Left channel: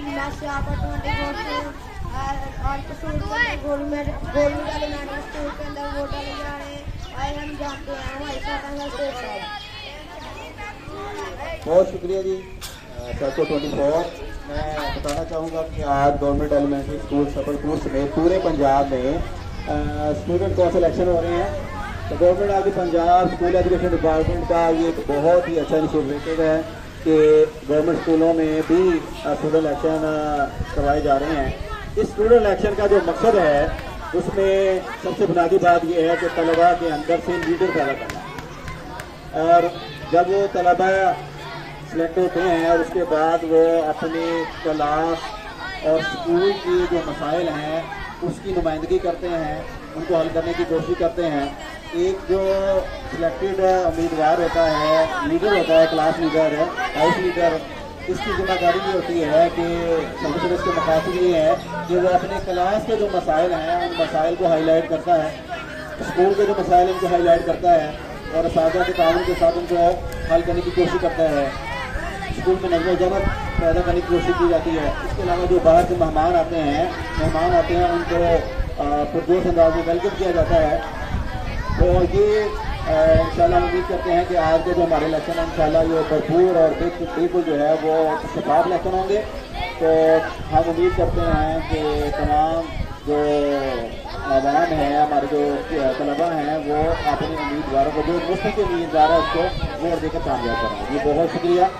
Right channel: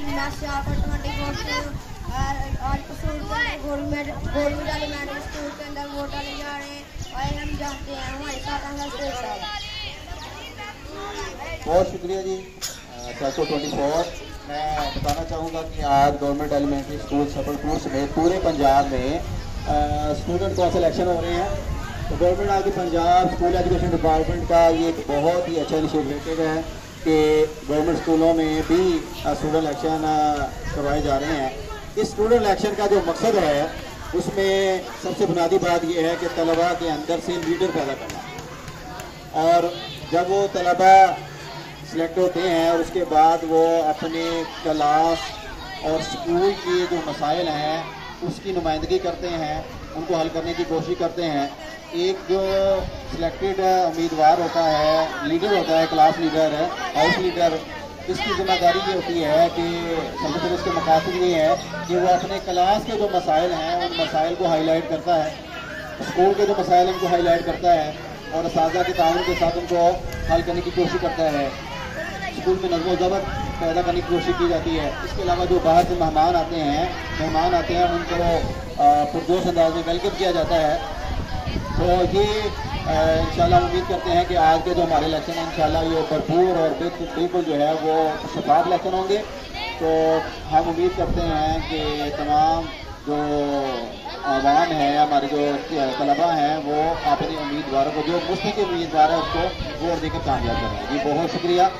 Masya for 24 और school के अंदर गोल्ड मेडल मैडल स्कूल के अंदर वोट डाले जा रहे हैं। आए हम जानते हैं हमारे साथ हमारा शेख साहब। बहुत शुक्रिया जी 624। मैं बताना चाहूँगा कि आज गवर्नमेंट एलिमेंट्री स्कूल सफलपुर समेत पूरे पंजाब में स्टूडेंट कौन सिलेक्शन हो रही है। तो government of the Punjab school education department का ये एक बहुत ही अच्छा इनिशिएटिव है कि गवर्नमेंट स्कूलों में भी स्टूडेंट इलेक्शन करवाए जा रहे हैं। इस स्टूडेंट इलेक्शन का जो मकसद है उसमें सबसे बुनियादी बात यह है कि तलबा के अंदर से लीडर पैदा करना, और जब वो तलबा सिलेक्ट होते हैं और उसके बाद वो अपने क्लास और स्कूल के जो मसाइल हैं उसकी नुमाइंदगी करते हैं, उनको हल करने की कोशिश करते हैं। एक जो सिलेक्टेड उम्मीदवार होता है, लीडर होता है, क्लास लीडर है, हाउस लीडर, इसकी जिम्मेदारी ये होती है कि सबसे पहले इसके मकासद ये है कि वो अपने क्लास के जो मसाइल हैं उन मसाइल को हाईलाइट करता है, स्कूल के जो मसाइल हैं उनको हाईलाइट करता है और असातिज़ा के ताउन के साथ उनको हल करने की कोशिश करता है। स्कूल में नज़्म व ज़ब्त पैदा करने की कोशिश की जाती है। इसके अलावा जो बाहर से मेहमान आते हैं उनको पुरजोश अंदाज में वेलकम किया जाता है। तो ये इंशाल्लाह उम्मीद करते हैं कि आज के जो हमारे इलेक्शन हैं इंशाल्लाह ये भरपूर और बिल्कुल जो है वो शफाफ इलेक्शन होंगे। तो हम उम्मीद करते हैं कि तमाम जो आवाम है, हमारे जो तलबा हैं, वो अपने उम्मीदवारों को, जो मुस्तकिल उम्मीदवार है उसको वोट देकर कामयाब करेंगे। जी बहुत शुक्रिया।